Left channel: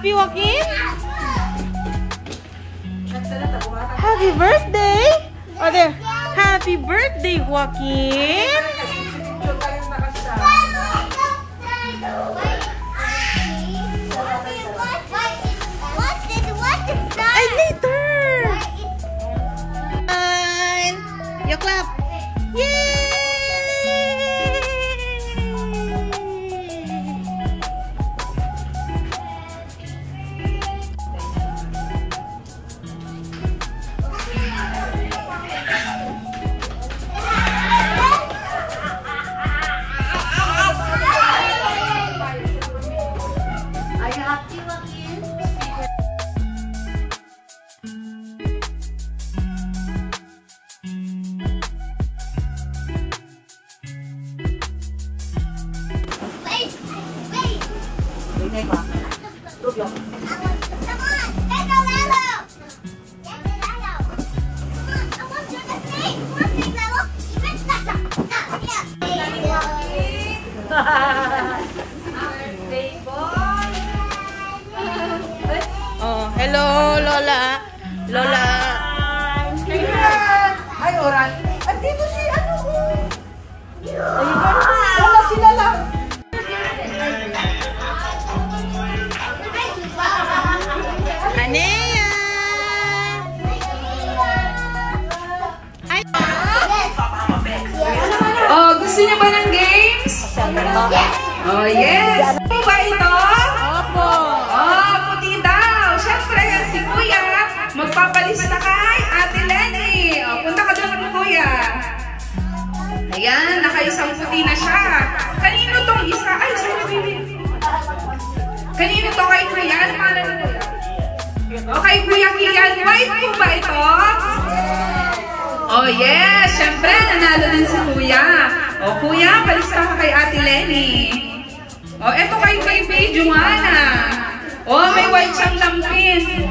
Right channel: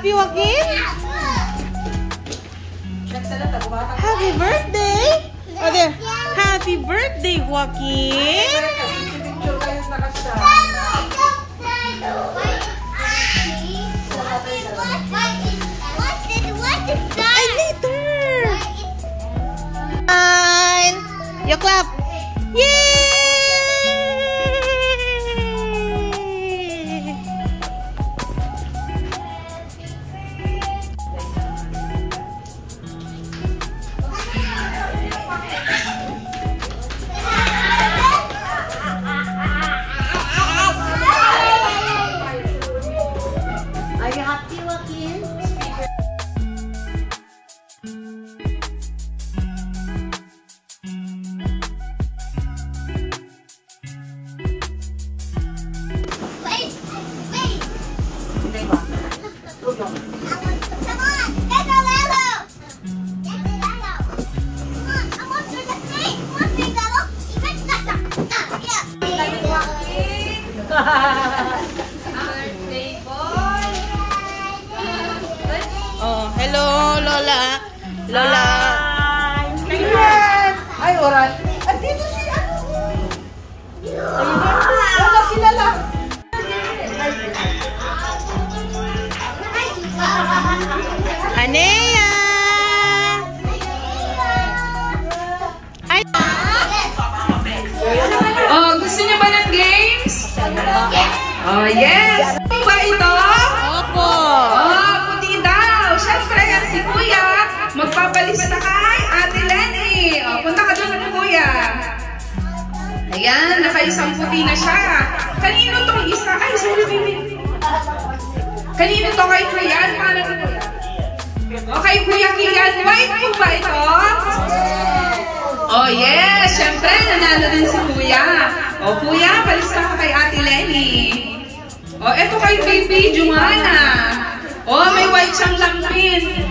happy, Joaquin? Happy birthday! Oh, there. Happy birthday, Joaquin! Ay, later! You clap! Yay! Oh, hello, Lola. Lola. Ay, oral. At dito si ano? Wala sila lang. Anea. Ay. Oh, gusto niyo ba ng games? Oh, yes. Ano ba ito? Opo. Oh, puti daw. Siyempre, si Kuya, magpapalista kay Ate Lenny. Oh, punta ka doon, Kuya. Ayan, nakaisang puti na siya. Kanino tong isa? Ay, sorry, baby. Kanino to kay Kuya? Paano mo, Kuya? O, kay Kuya Kian. White po ba ito? Oh, yes. Siyempre, nanalo din si Kuya. O, Kuya, palista ka kay Ate Lenny. O, eto kay Baby Joanna. O, may white siyang lampin.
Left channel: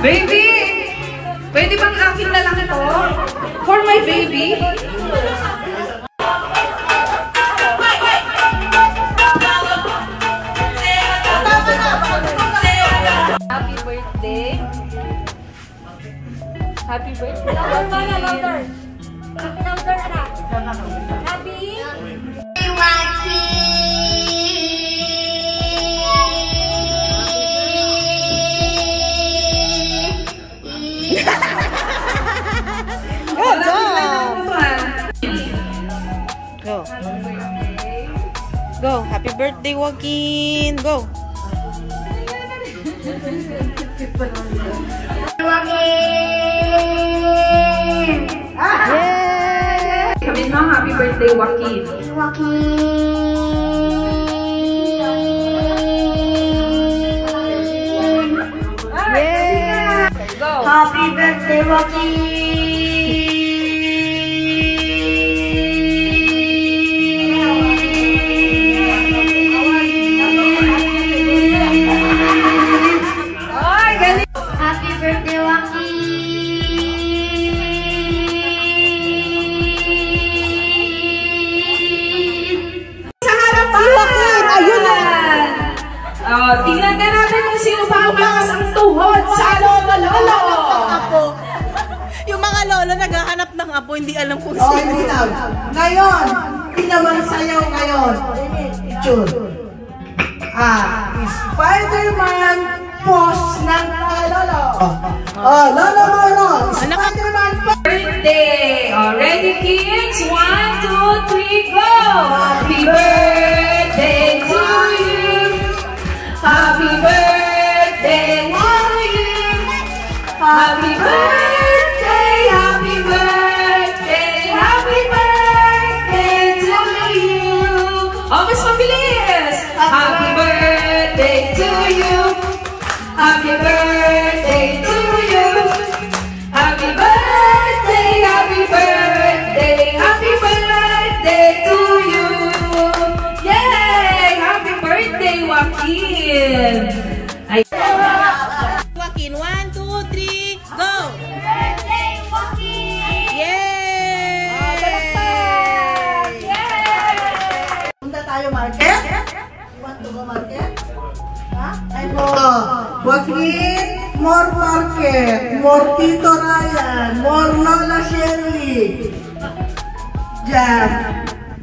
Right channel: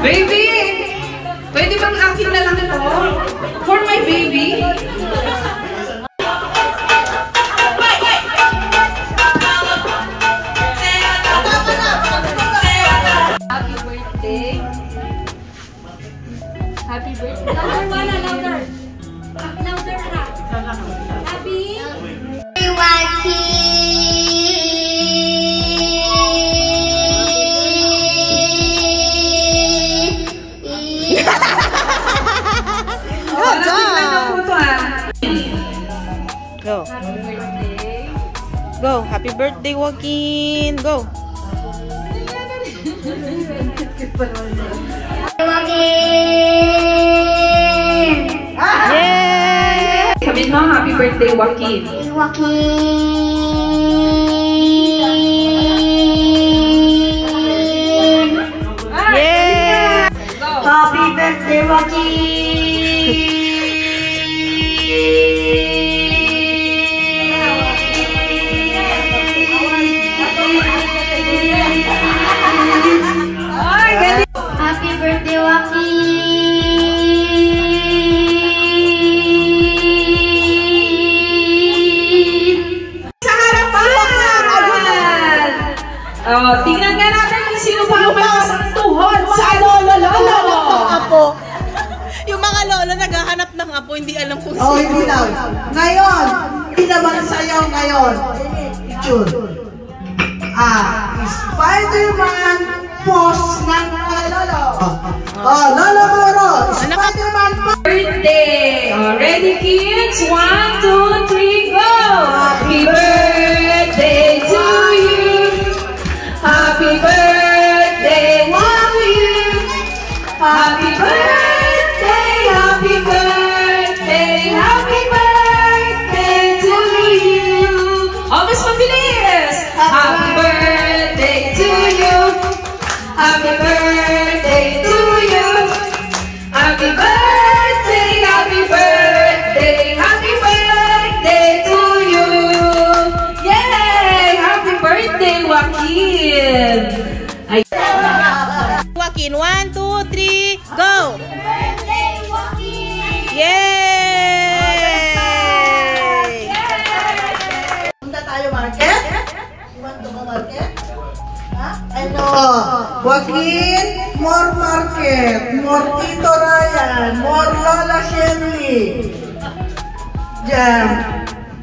Baby, pwede bang akin na lang ito? For my baby? Happy birthday. Happy birthday. Louder. Louder na. Happy. Good job. Go. Happy birthday. Go. Happy birthday, Joaquin. Go. Yay! Sabihin mo, happy birthday, Joaquin. Yay! Go. Happy birthday, Ay, ganyan. Happy birthday, Joaquin! Sa harapan! Oh, tingnan nga natin kung sino pa ang malakas ang tuhod sa lolo. Apo. Yung mga lolo naghahanap ng apo, hindi alam kung Oh, sino. hindi lang. Ngayon, hindi naman sayaw ngayon. June. Spider-Man pose ng mga lolo. Oh, lolo, lolo. Spider-Man pose. Birthday! Oh, ready, kids? 1, 2, 3, go! Happy birthday to you. Happy birthday, Joaquin. Happy birthday, happy birthday, happy birthday to you. Oh, mas mabilis! Happy birthday to you. Happy birthday to you. Happy birthday, happy birthday, happy birthday to you. Yay! Happy birthday, Joaquin. Ay. Joaquin, 1, 2, 3, go! Yay! Punta tayo market. Want to Joaquin, more Market, more Tito Ryan, more Lola Shelly.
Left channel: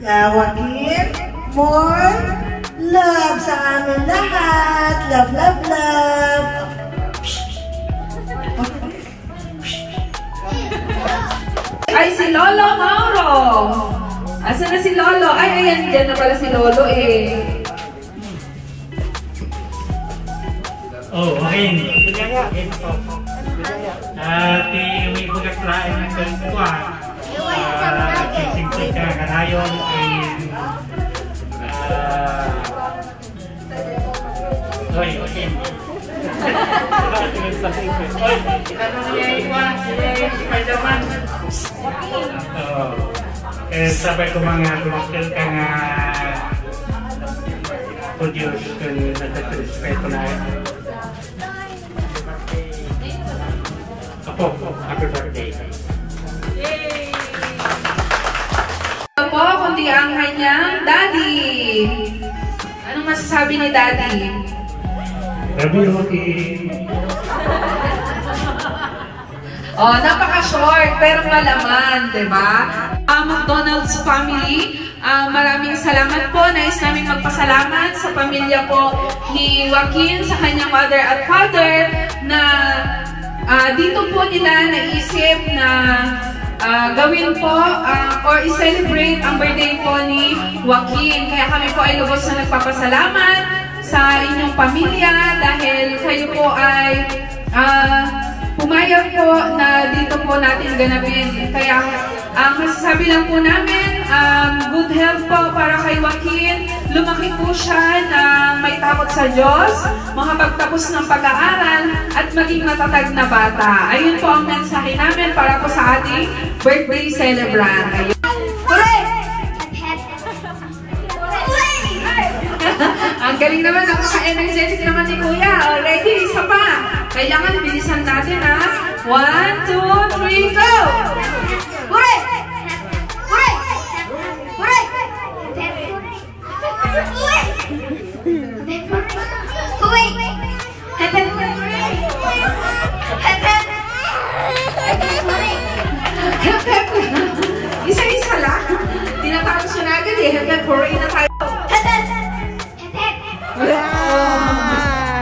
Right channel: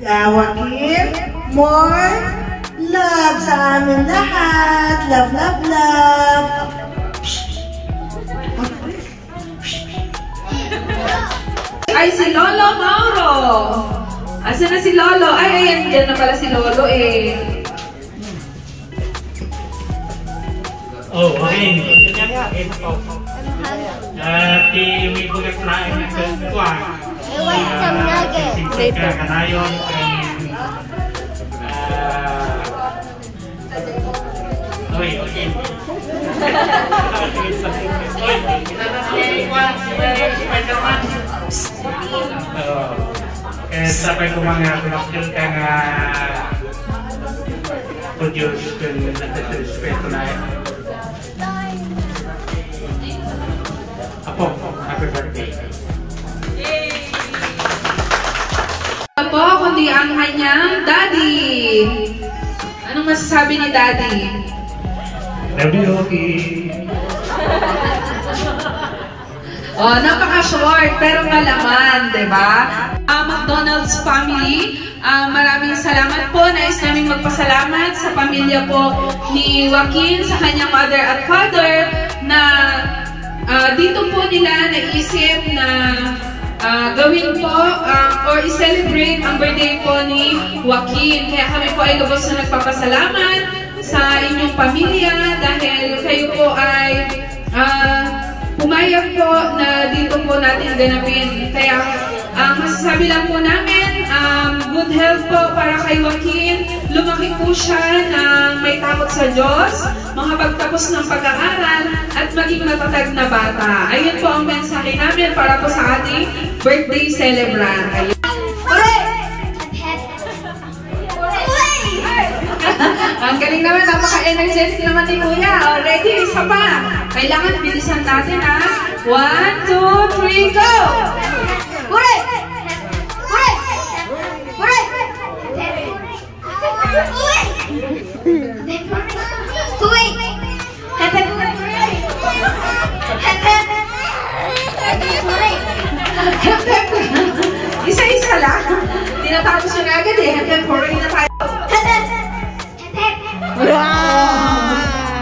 Joaquin, more love sa amin lahat. Love, love, love. Ay, si Lolo Mauro. Asan na si Lolo? Ay, ayan, dyan na pala si Lolo eh. Oh, okay. Kaya nga, ito po. May bulaklain ng dalawa. Simple ka kanayon kay... Oy, okay. Oy, kita na siya iwan. Siya yung Spider-Man. Kaya sabay ko mga makil ka nga produce kung nagtatrispeto na yan. Apo, happy birthday. Po, kundi ang kanyang daddy. Anong masasabi ni daddy? Love you, okay. Oh, napaka-short pero malaman, 'di ba? McDonald's family, maraming salamat po. Nais namin magpasalamat sa pamilya po ni Joaquin, sa kanyang mother at father na dito po nila naisip na gawin po or i-celebrate ang birthday po ni Joaquin. Kaya kami po ay lubos na nagpapasalamat sa inyong pamilya dahil kayo po ay pumayag po na dito po natin ganapin. Kaya ang masasabi lang po namin, good health po para kay Joaquin. Lumaki po siya na may takot sa Diyos, makapagtapos ng pag-aaral at maging matatag na bata. Ayun po ang mensahe namin para po sa ating birthday celebrant. Ayun. Ang galing naman, napaka-energetic naman ni Kuya. Already, isa pa. Kailangan bilisan natin ha. 1, 2, 3, go! Hooray! Hooray! Hooray! Hooray! Hep-hep! Isa-isa lang. Tinatapos siya na agad eh. Hep-hep, hooray na tayo.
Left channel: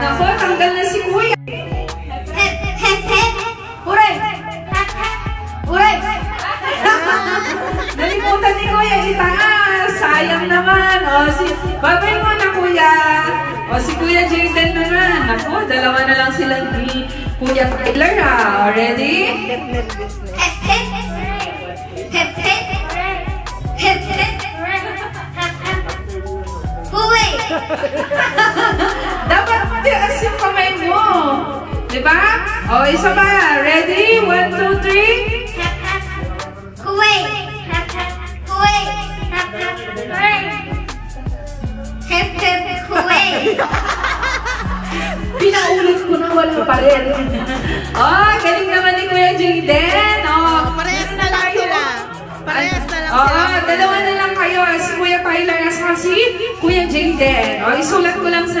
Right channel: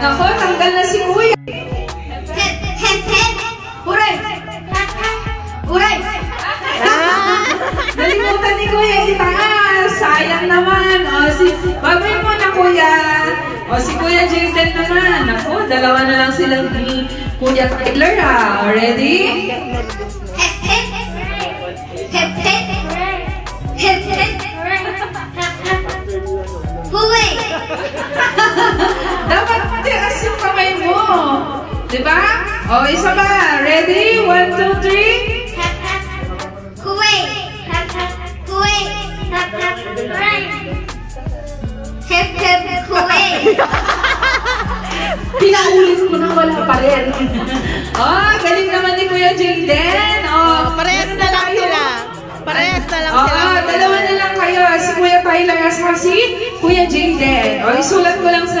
Nako, tanggal na si Kuya. Hooray! Hooray! Nalimutan ni Kuya itaas. Sayang naman. O, babay mo na Kuya. O, si Kuya Jaden naman. Nako, dalawa na lang silang ni Kuya Tyler ha. Ready? Hooray! Dapat tias yung kamay mo. Diba? O, isa pa. Ready? 1, 2, 3. Hooray! Hooray! Hooray! Hep hep hooray! Pinaulit ko na wala pa rin. Oh, galing naman ni Kuya Jaden. Oh, Parehas na lang sila. Parehas na lang sila. Oh, dalawa na lang kayo. Si Kuya Tyler at si Kuya Jaden. Oh, isulat ko lang sa...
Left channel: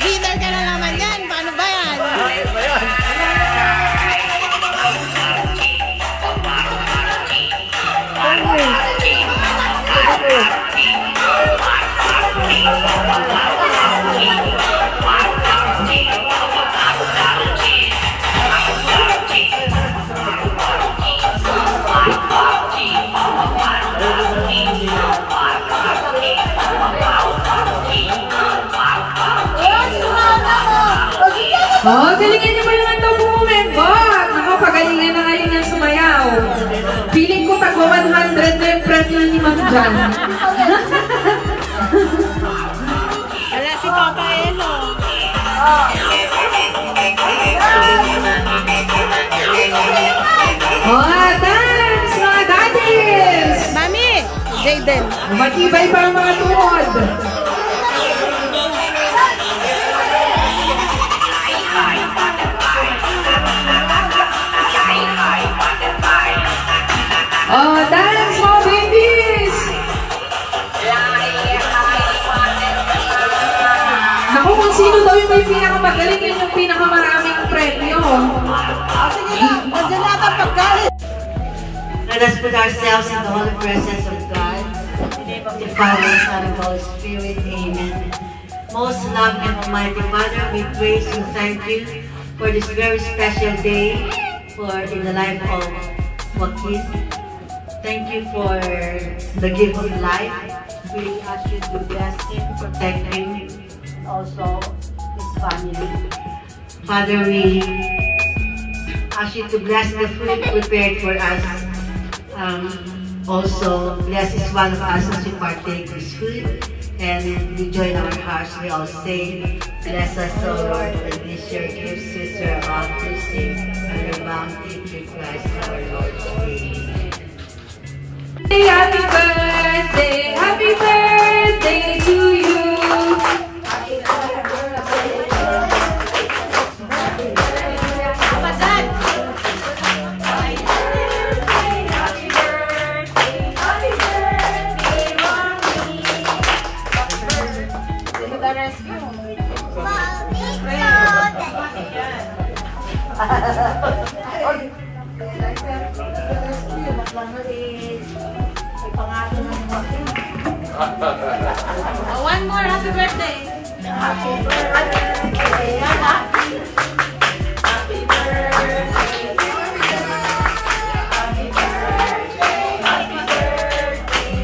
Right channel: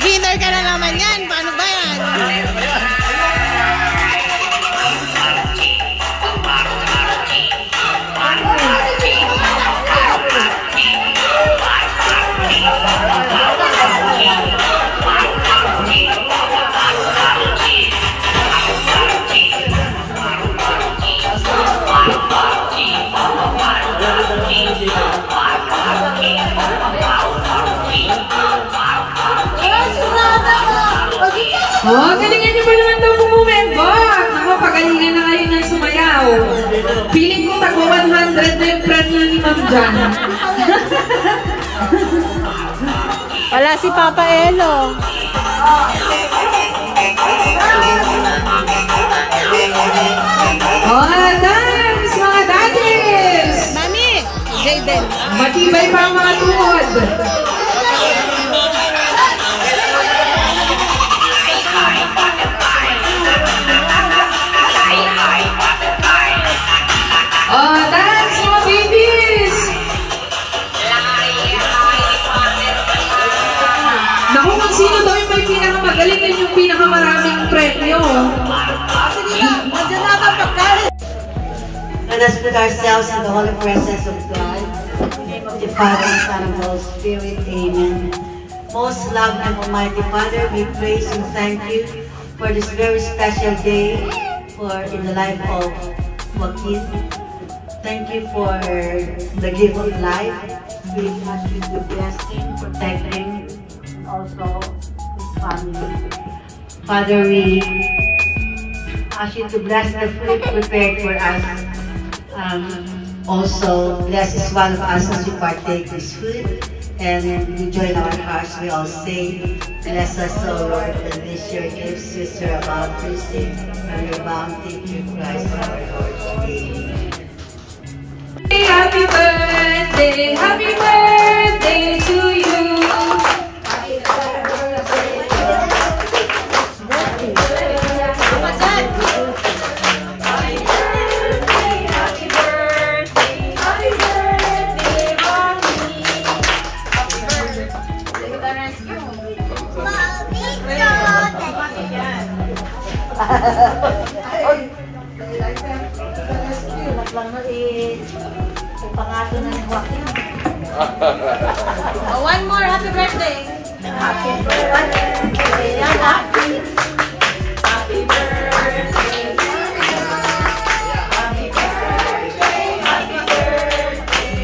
Winner ka na naman yan. Paano ba yan? Oh, galingan niyo pa naman daw bumubembot. Ako, pagalingan na kayo ng sumayaw. Feeling ko tagwa 100 na yung premyo ni Ma'am Jan. Wala si Papa Elo. Oh, dance, mga daddies! Mami, Jaden. Matibay pa ang mga tuhod. premyo. Sige na, nandiyan na ang pagkain. Let us put ourselves in the holy presence of God. In the name of the Father, Son, and Holy Spirit. Amen. Most loving and Almighty Father, we praise and thank you for this very special day in the life of Joaquin. Thank you for the gift of life. We ask you to bless him, protect him, also his family. Father, we ask you to bless the food prepared for us. Also, bless each one of us as we partake this food. And we join our hearts, we all say, bless us, O Lord, and this your gift, sister, about to sing, and your bounty through Christ our Lord. Amen. Happy birthday to you. Oh, one more happy birthday. Happy birthday. Happy birthday. Happy birthday.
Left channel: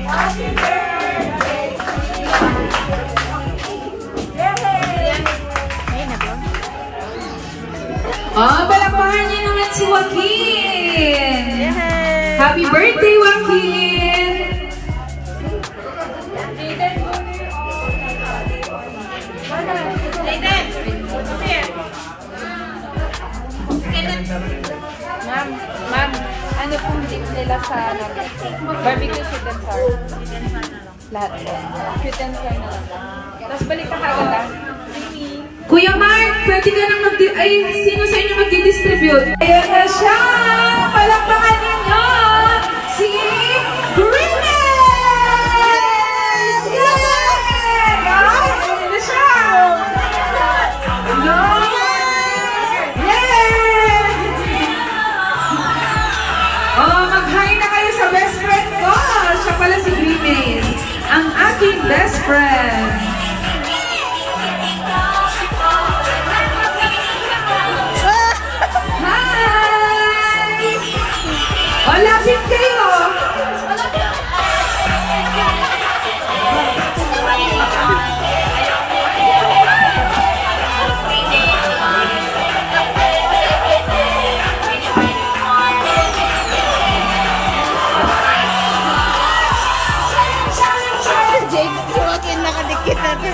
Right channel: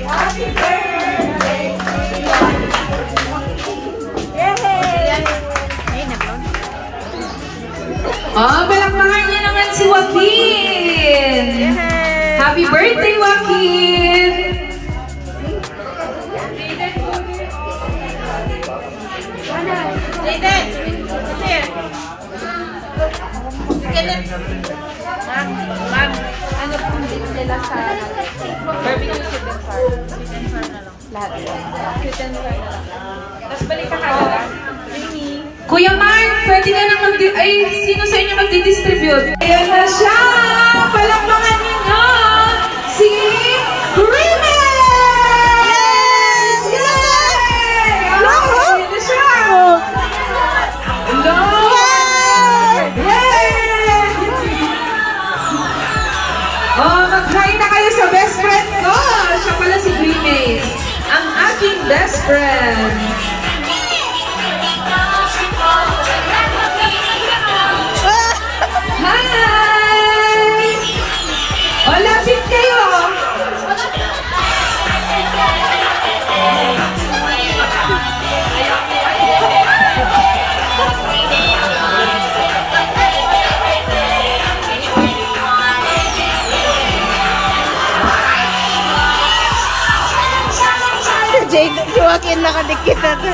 Happy birthday. Ay, nablon. Palakpakan niyo naman si Joaquin. Happy birthday, Joaquin. Jaden, here. Ma'am, ano kung dito nila sa barbecue chicken sir? Chicken sir na lang. Lahat. Chicken sir na lang. Tapos balik ka kagad lang. Kuya Mark, pwede ka nang sino sa inyo magdi-distribute? Ayan na siya! Palakpakan ninyo! Si Rimmel! Yes! Hello! Ayan na siya! Hello! Yes! Mag-hi na kayo sa best friend ko! Siya pala si Rimmel, ang aking best friend. Hi! O, lapit kayo! Jaden, si Joaquin nakadikit na to.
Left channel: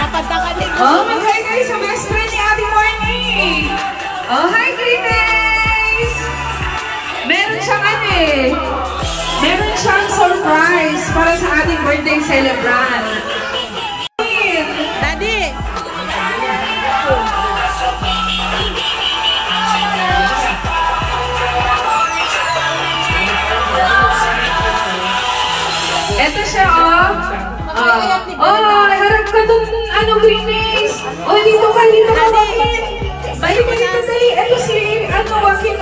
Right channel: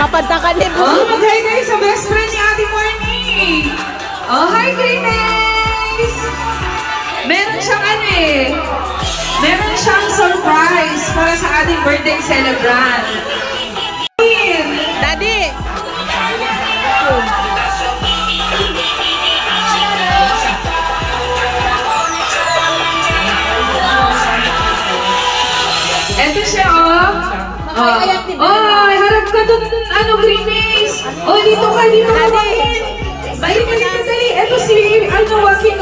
Kapantakan din. Mag-hi kayo sa best friend ni Ate Morning. Hi, Greenace! Meron siyang surprise para sa ating birthday celebrant. Daddy! Ito siya, harap ka dun, Greenace. Dito ka, Daddy! Balik mo dito, dali. Ito si, Joaquin,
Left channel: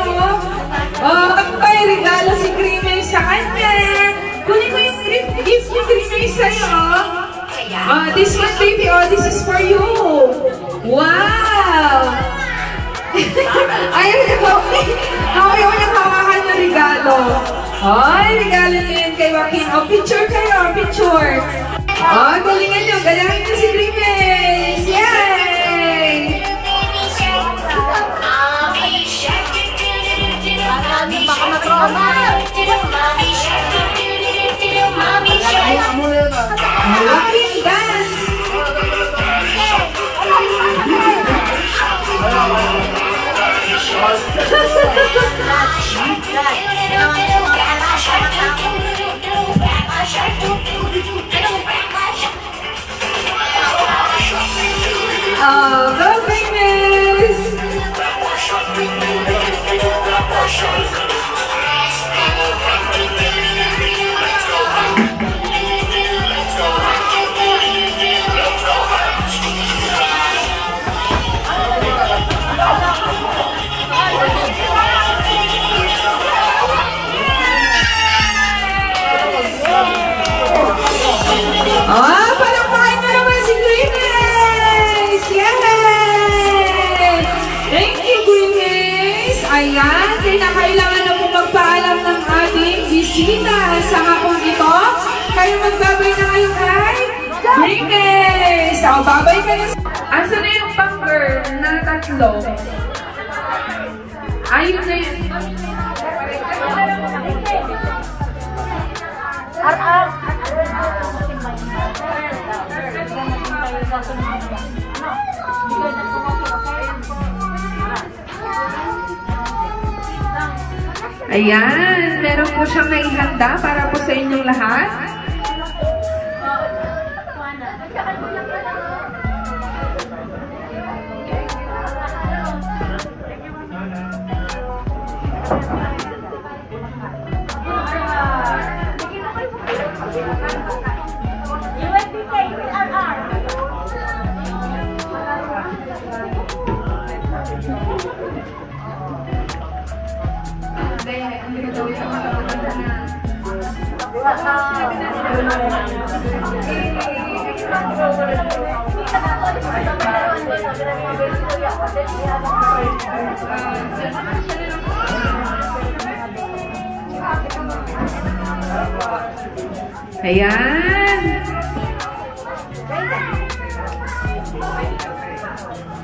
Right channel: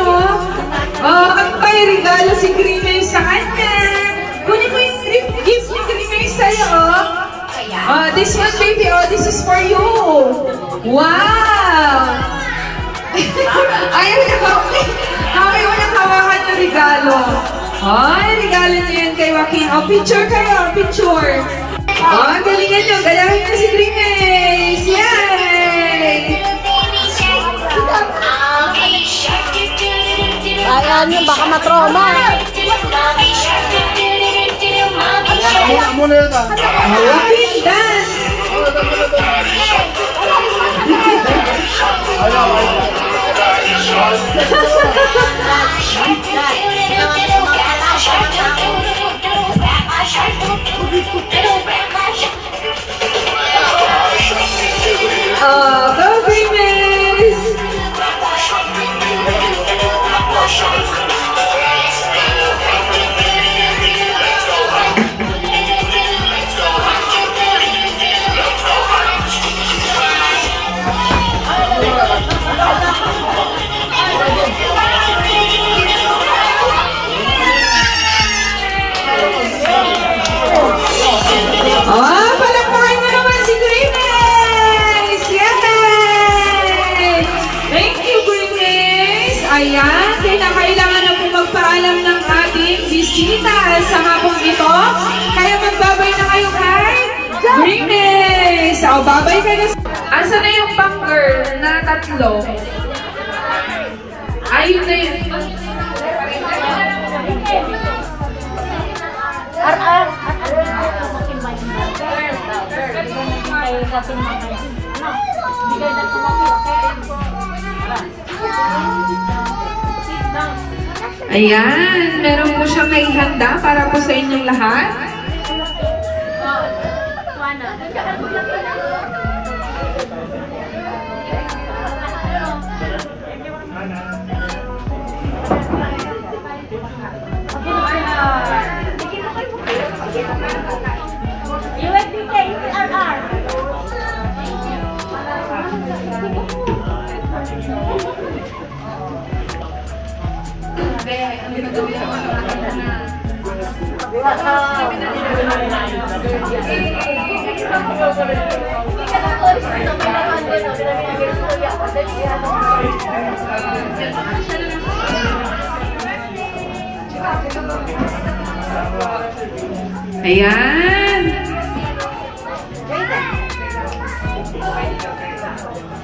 may regalo si Greenace sa kanya. Kunin mo yung gift ni Greenace sa'yo, this one, baby, this is for you. Wow! Ayaw niya hawakan na regalo. Regalo niya yan kay Joaquin. Picture kayo, picture. Galingan niyo, galahin niyo si Greenace. Yay! Ano, baka matroma. Joaquin, dance! Go Greenace! bisita sa hapong ito. Kaya magbabay na kayo kay Grimes. O, babay ka na. Asa na yung pang-girl na tatlo? Ayun na yun. Ayan, meron po siyang naihanda para po sa inyong lahat. Ayan.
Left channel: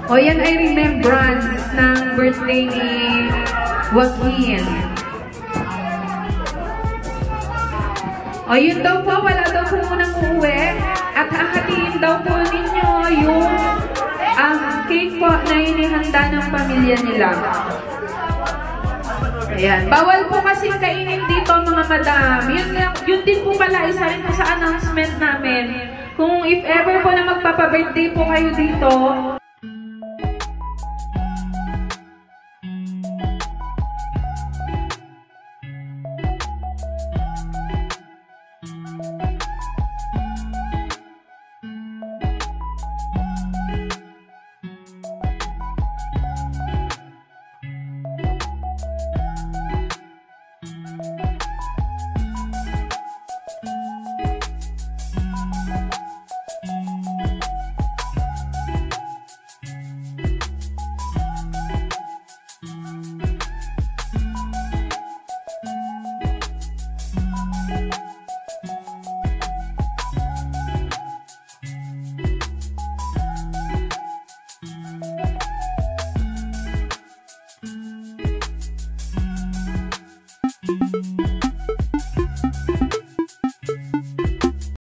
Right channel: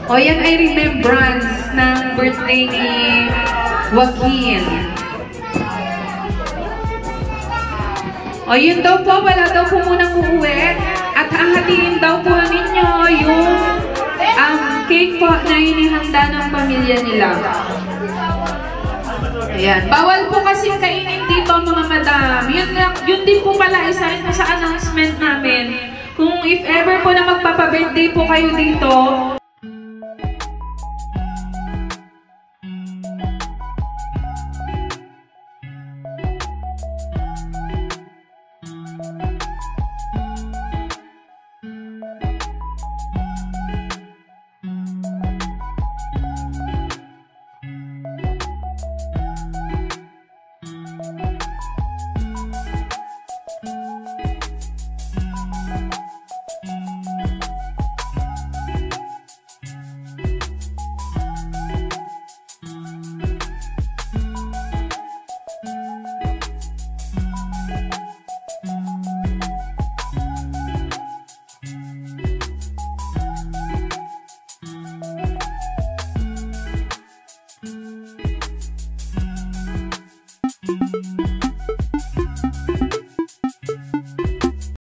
O, yan ay remembrance ng birthday ni Joaquin. O, yun daw po, wala daw po munang uuwi. At hahatiin daw po ninyo yung cake po na inihanda ng pamilya nila. Ayan. Bawal po kasi kainin dito mga madam. Yun din po pala, isa rin po sa announcement namin. Kung if ever po na magpapa-birthday po kayo dito,